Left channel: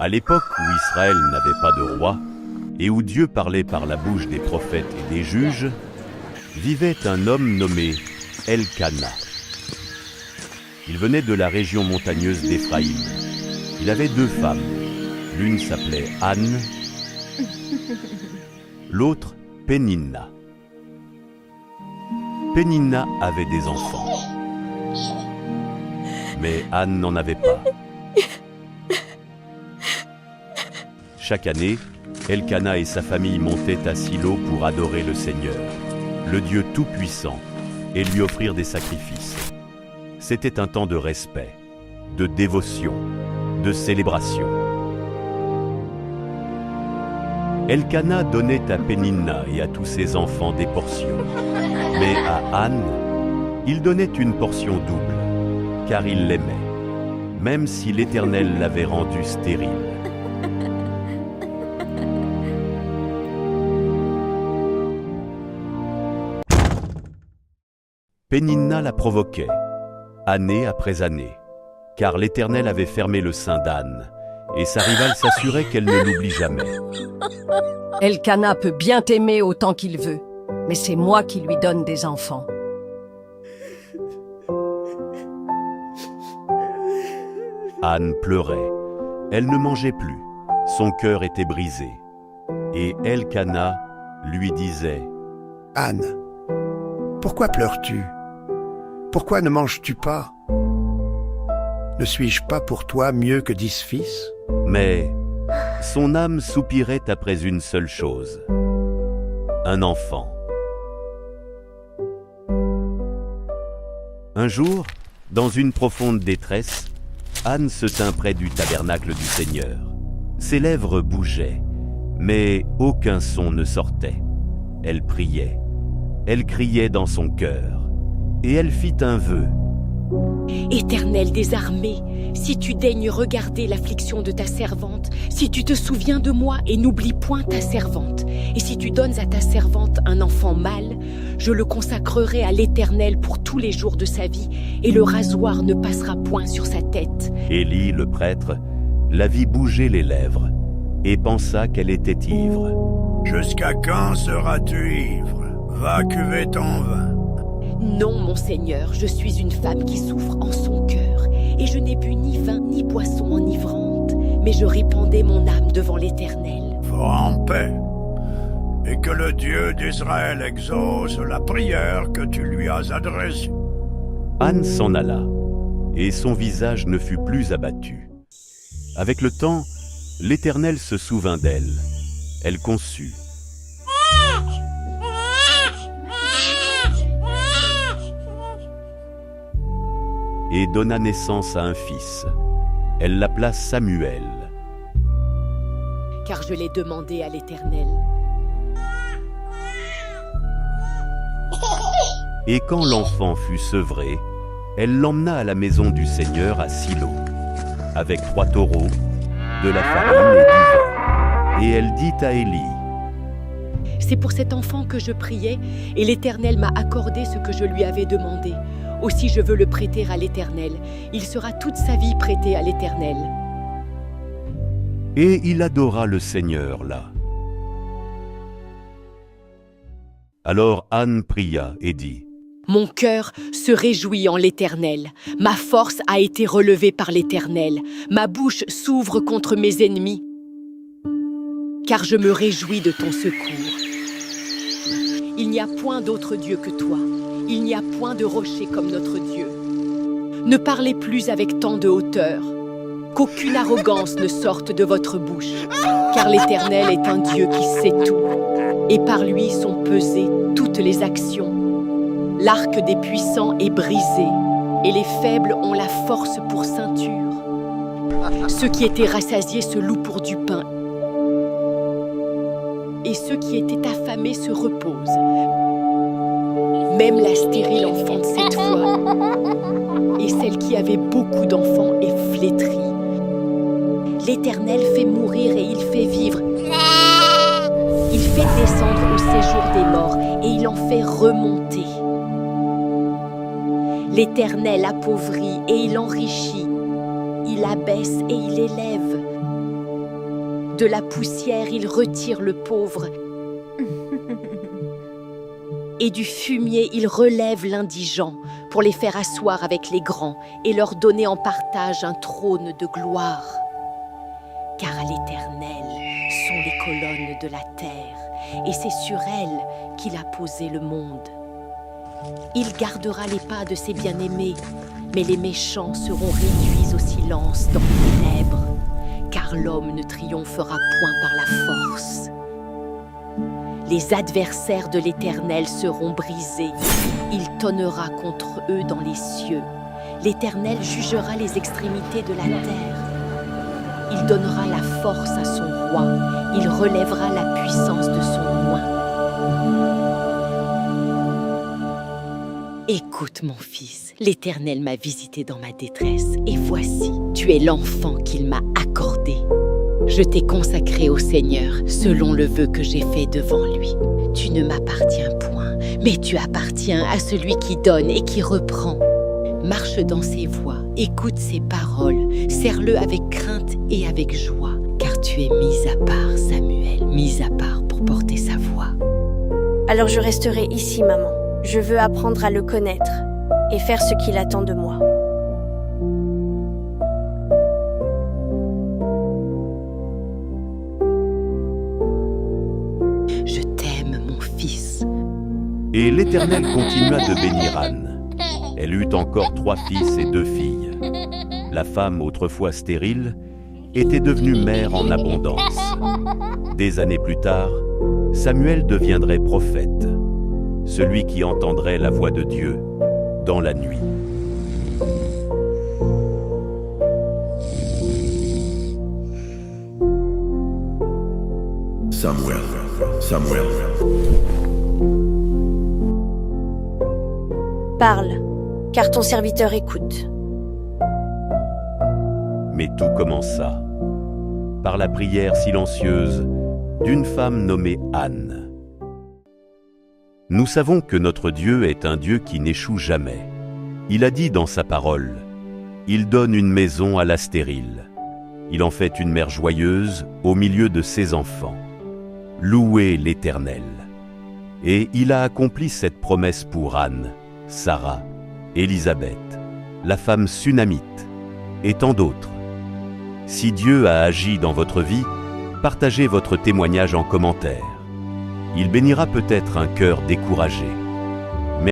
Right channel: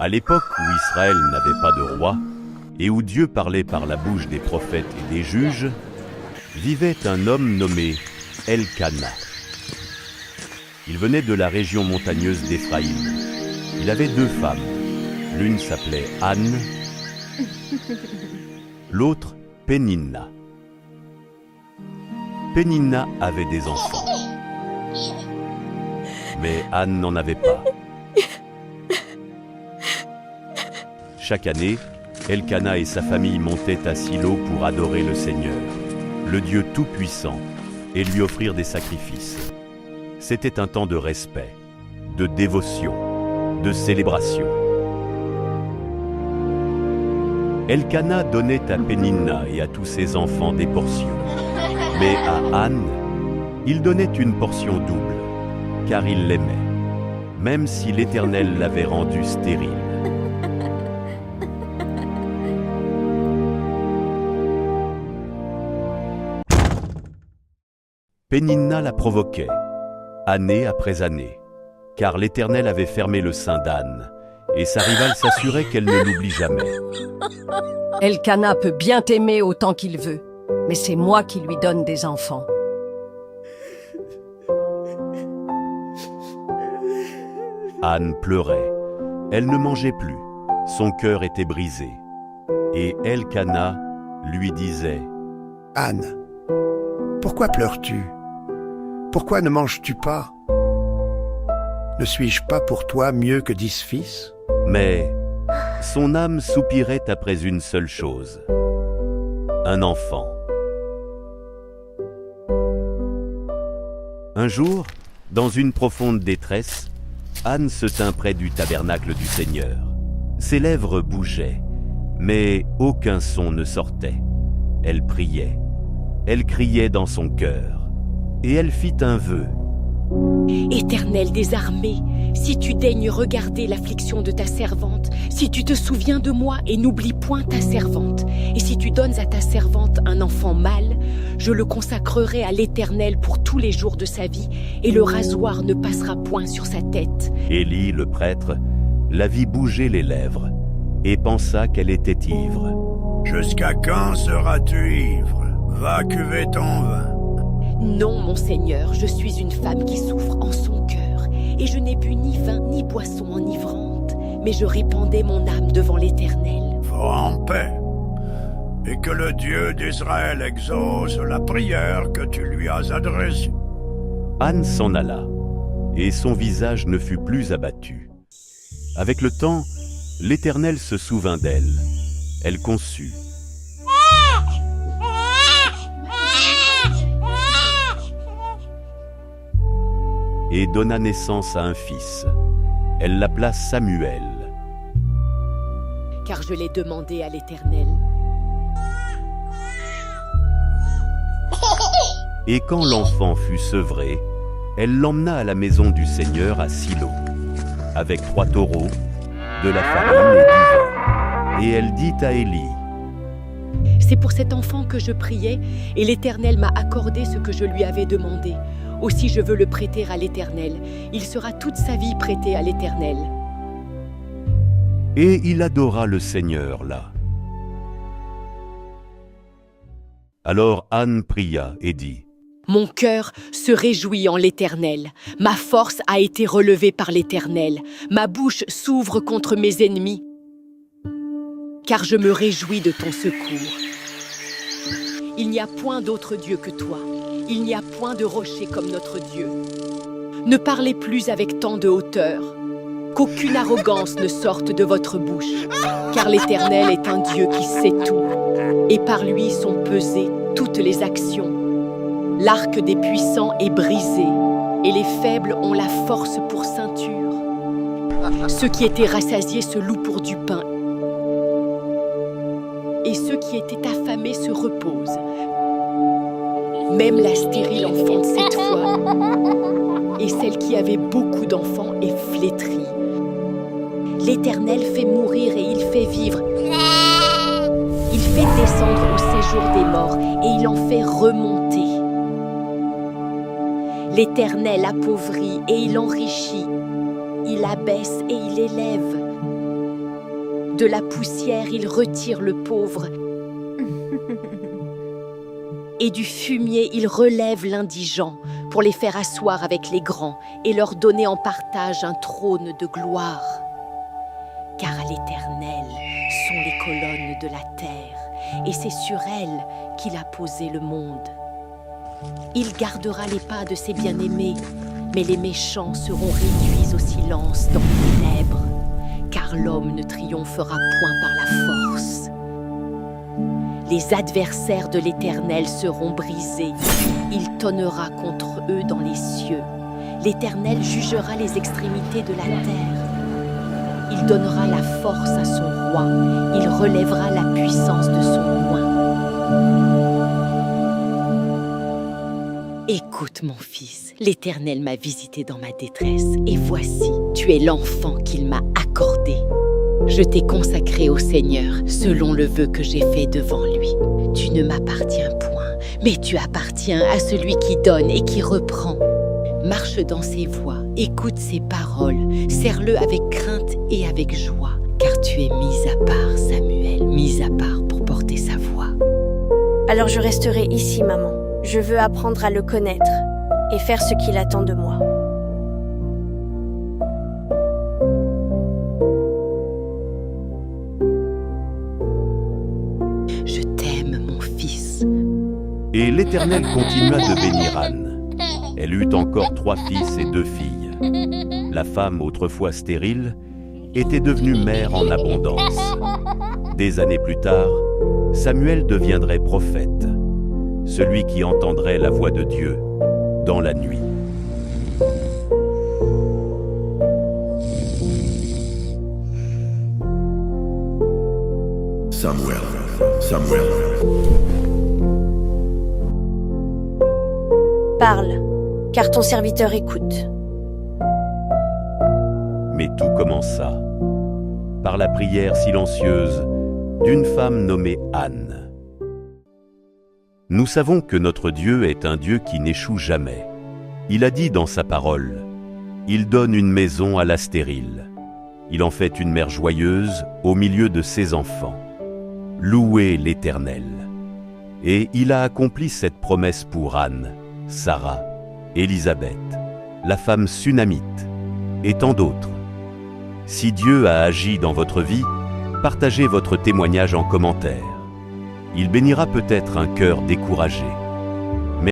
À l'époque où Israël n'avait pas de roi, et où Dieu parlait par la bouche des prophètes et des juges, vivait un homme nommé Elkana. Il venait de la région montagneuse d'Éphraïm. Il avait 2 femmes. L'une s'appelait Anne, l'autre Péninna. Péninna avait des enfants, mais Anne n'en avait pas. Chaque année, Elkana et sa famille montaient à Silo pour adorer le Seigneur, le Dieu Tout-Puissant, et lui offrir des sacrifices. C'était un temps de respect, de dévotion, de célébration. Elkana donnait à Péninna et à tous ses enfants des portions. Mais à Anne, il donnait une portion double, car il l'aimait, même si l'Éternel l'avait rendue stérile. Péninna la provoquait, année après année, car l'Éternel avait fermé le sein d'Anne, et sa rivale s'assurait qu'elle ne l'oublie jamais. Elkana peut bien t'aimer autant qu'il veut, mais c'est moi qui lui donne des enfants. Anne pleurait, elle ne mangeait plus, son cœur était brisé. Et Elkana lui disait: « Anne, pourquoi pleures-tu? Pourquoi ne manges-tu pas? Ne suis-je pas pour toi mieux que 10 fils? » Mais son âme soupirait après une seule chose: un enfant. Un jour, dans une profonde détresse, Anne se tint près du tabernacle du Seigneur. Ses lèvres bougeaient, mais aucun son ne sortait. Elle priait, elle criait dans son cœur, et elle fit un vœu. Éternel des armées, si tu daignes regarder l'affliction de ta servante, si tu te souviens de moi et n'oublies point ta servante, et si tu donnes à ta servante un enfant mâle, je le consacrerai à l'Éternel pour tous les jours de sa vie, et le rasoir ne passera point sur sa tête. Élie, le prêtre, la vit bouger les lèvres, et pensa qu'elle était ivre. « Jusqu'à quand seras-tu ivre? Va cuver ton vin. » Non, mon Seigneur, je suis une femme qui souffre en son cœur, et je n'ai bu ni vin ni boisson enivrante, mais je répandais mon âme devant l'Éternel. Va en paix, et que le Dieu d'Israël exauce la prière que tu lui as adressée. Anne s'en alla, et son visage ne fut plus abattu. Avec le temps, l'Éternel se souvint d'elle. Elle conçut. Et donna naissance à un fils. Elle l'appela Samuel. Car je l'ai demandé à l'Éternel. Et quand l'enfant fut sevré, elle l'emmena à la maison du Seigneur à Silo, avec 3 taureaux, de la farine et du vin. Et elle dit à Élie: C'est pour cet enfant que je priais, et l'Éternel m'a accordé ce que je lui avais demandé. Aussi je veux le prêter à l'Éternel. Il sera toute sa vie prêté à l'Éternel. Et il adora le Seigneur là. Alors Anne pria et dit: Mon cœur se réjouit en l'Éternel. Ma force a été relevée par l'Éternel. Ma bouche s'ouvre contre mes ennemis, car je me réjouis de ton secours. Il n'y a point d'autre Dieu que toi. Il n'y a point de rocher comme notre Dieu. Ne parlez plus avec tant de hauteur, qu'aucune arrogance ne sorte de votre bouche, car l'Éternel est un Dieu qui sait tout, et par lui sont pesées toutes les actions. L'arc des puissants est brisé, et les faibles ont la force pour ceinture. Ceux qui étaient rassasiés se louent pour du pain, et ceux qui étaient affamés se reposent. Même la stérile enfante 7 fois, et celle qui avait beaucoup d'enfants est flétrie. L'Éternel fait mourir et il fait vivre. Il fait descendre au séjour des morts et il en fait remonter. L'Éternel appauvrit et il enrichit. Il abaisse et il élève. De la poussière, il retire le pauvre. Et du fumier, il relève l'indigent pour les faire asseoir avec les grands et leur donner en partage un trône de gloire. Car à l'Éternel sont les colonnes de la terre, et c'est sur elles qu'il a posé le monde. Il gardera les pas de ses bien-aimés, mais les méchants seront réduits au silence dans les ténèbres, car l'homme ne triomphera point par la force. Les adversaires de l'Éternel seront brisés. Il tonnera contre eux dans les cieux. L'Éternel jugera les extrémités de la terre. Il donnera la force à son roi. Il relèvera la puissance de son oint. Écoute, mon fils, l'Éternel m'a visité dans ma détresse, et voici, tu es l'enfant qu'il m'a accordé. Je t'ai consacré au Seigneur, selon le vœu que j'ai fait devant lui. Tu ne m'appartiens point, mais tu appartiens à celui qui donne et qui reprend. Marche dans ses voies, écoute ses paroles, serre-le avec crainte et avec joie, car tu es mis à part, Samuel, mis à part pour porter sa voix. Alors je resterai ici, maman. Je veux apprendre à le connaître et faire ce qu'il attend de moi. Je t'aime, mon fils. Et l'Éternel continua de bénir Anne. Elle eut encore 3 fils et 2 filles. La femme, autrefois stérile, était devenue mère en abondance. Des années plus tard, Samuel deviendrait prophète, celui qui entendrait la voix de Dieu dans la nuit. Samuel. Parle, car ton serviteur écoute. Mais tout commença par la prière silencieuse d'une femme nommée Anne. Nous savons que notre Dieu est un Dieu qui n'échoue jamais. Il a dit dans sa parole, « Il donne une maison à la stérile. Il en fait une mère joyeuse au milieu de ses enfants. Louez l'Éternel. » Et il a accompli cette promesse pour Anne, Sarah, Élisabeth, la femme sunamite, et tant d'autres. Si Dieu a agi dans votre vie, partagez votre témoignage en commentaire. Il bénira peut-être un cœur découragé.